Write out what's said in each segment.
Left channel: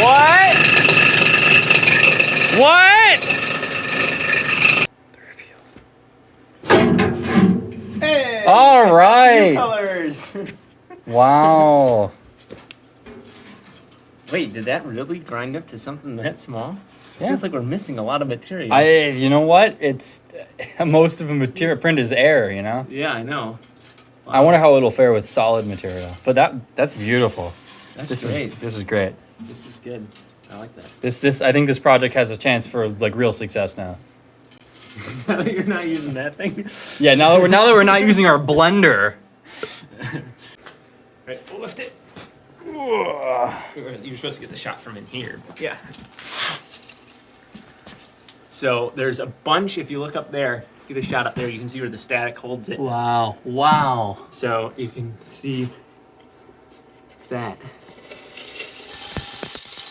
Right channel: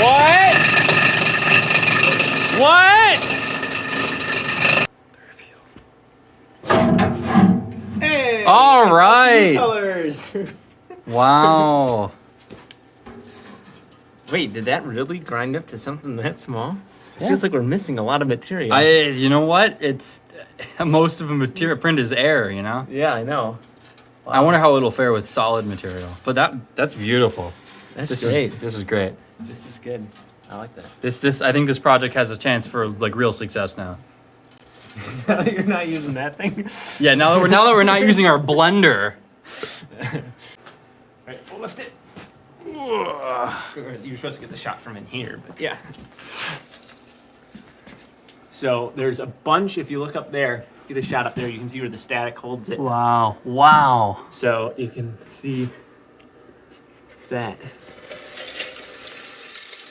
What? What? Hey! All right. Colors. Wow. Wait, did that really grind up to something that small? Yeah. Feels like we're missing a lot of material. You know what? It's most of the material print is air, you know? Yeah, I know. Wow. I wonder how it'll fare with solid material. But that's beautiful. That's great. This is great. This is good. I like that. This I think this project has a chance for like real success now. You're not using that thing? Yeah, now that we're not using our blender. Alright, we'll lift it. You're supposed to get the shot from in here, but yeah. So there's a bunch, if you look up there, get a shot up there, you can see where the static holds it. Wow. Wow. So you can see that.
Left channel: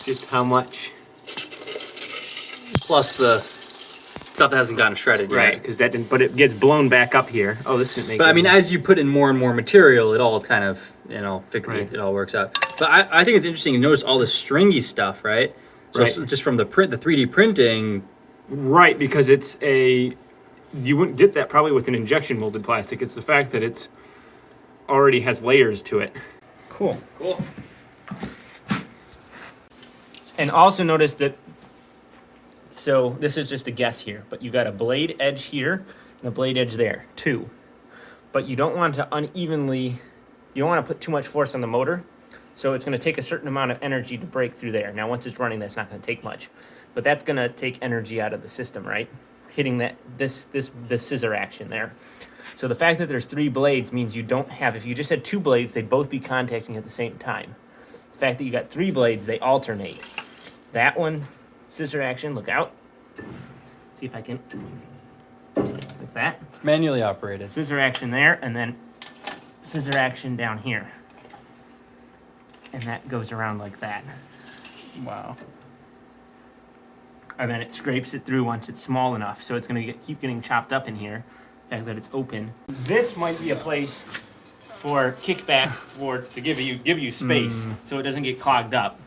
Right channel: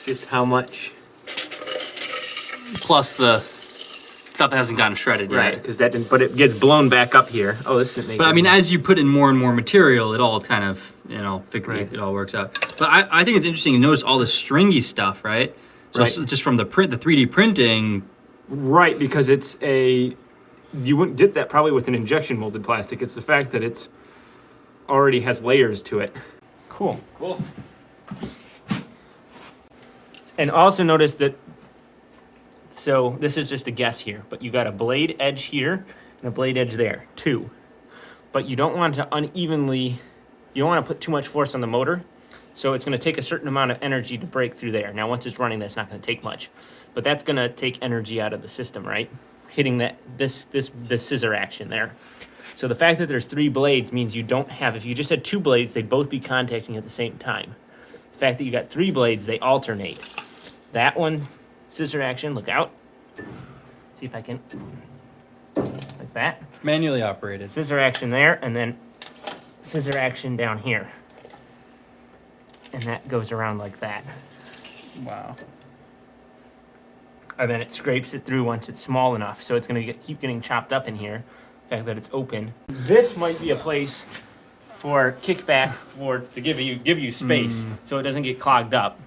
Just how much. Plus the stuff that hasn't gotten shredded yet. Right, because that didn't, but it gets blown back up here. Oh, this didn't make But it. I mean, as you put in more and more material, it all kind of, Right. it all works out. But I think it's interesting to notice all the stringy stuff, right? So Right. just from the 3D printing. Right, because it's you wouldn't dip that probably with an injection molded plastic. It's the fact that it's already has layers to it. Cool. Cool. And also notice that, so this is just a guess here, but you got a blade edge here and a blade edge there, two. But you don't want to you don't want to put too much force on the motor. So it's going to take a certain amount of energy to break through there. Now, once it's running, that's not going to take much. But that's going to take energy out of the system, right? Hitting this scissor action there. So the fact that there's 3 blades means you don't have, if you just had 2 blades, they'd both be contacting at the same time. The fact that you got 3 blades, they alternate. That one, scissor action, look out. See if I can, like that. It's manually operated. Scissor action there, and then scissor action down here. And that goes around like that. Wow. And then it scrapes it through once it's small enough. So it's going to keep getting chopped up in here. The fact that it's open. This might be a place for kickback to give you space so it doesn't get clogged up.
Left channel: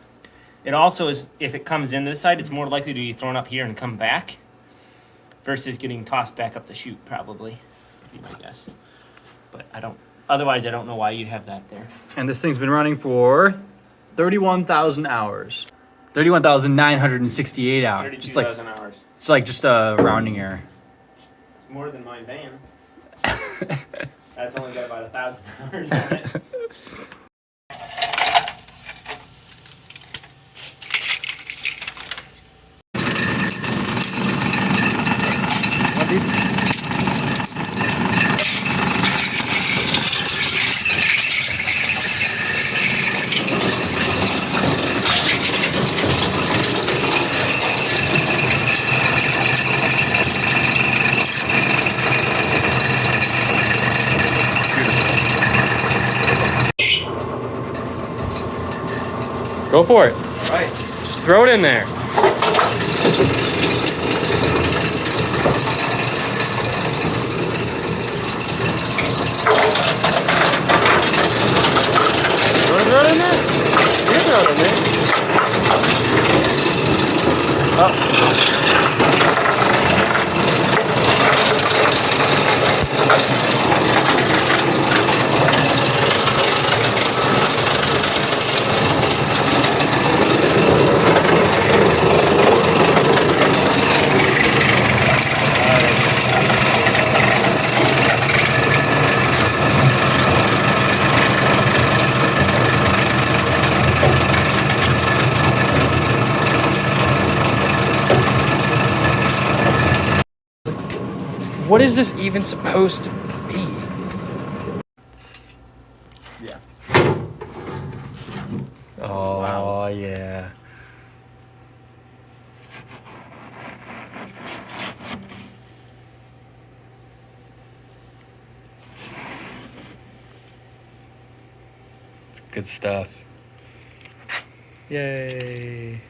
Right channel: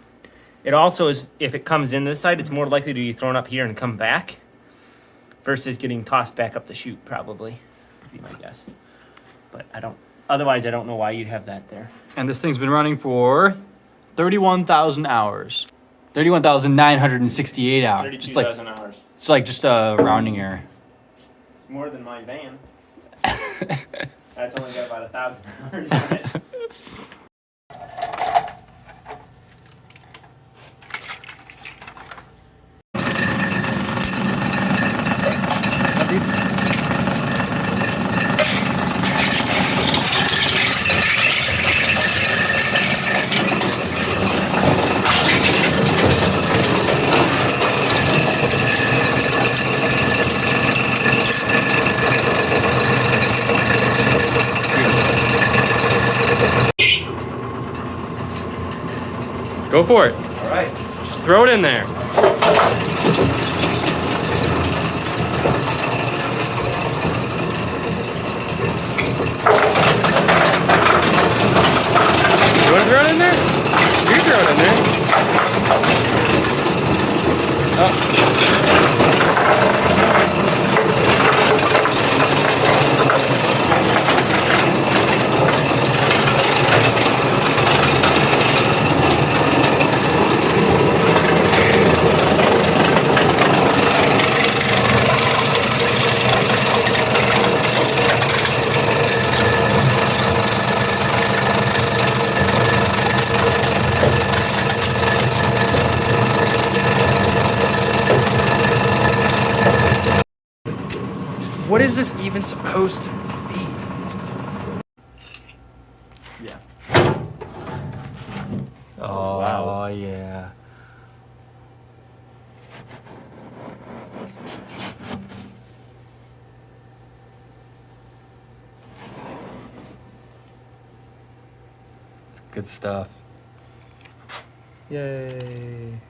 It also is, if it comes in this side, it's more likely to be thrown up here and come back versus getting tossed back up the chute, probably, would be my guess. But otherwise I don't know why you'd have that there. And this thing's been running for 31,000 hours. 31,968 hours. 32,000 hours. It's like just a rounding error. It's more than my van. That's only got about 1,000 hours on it. These. Go for it. All right. Just throw it in there. You want to throw it in there? You can throw it in there. Oh. What is this even supposed to be? Yeah. Oh, Wow. Yeah. It's good stuff. Yay.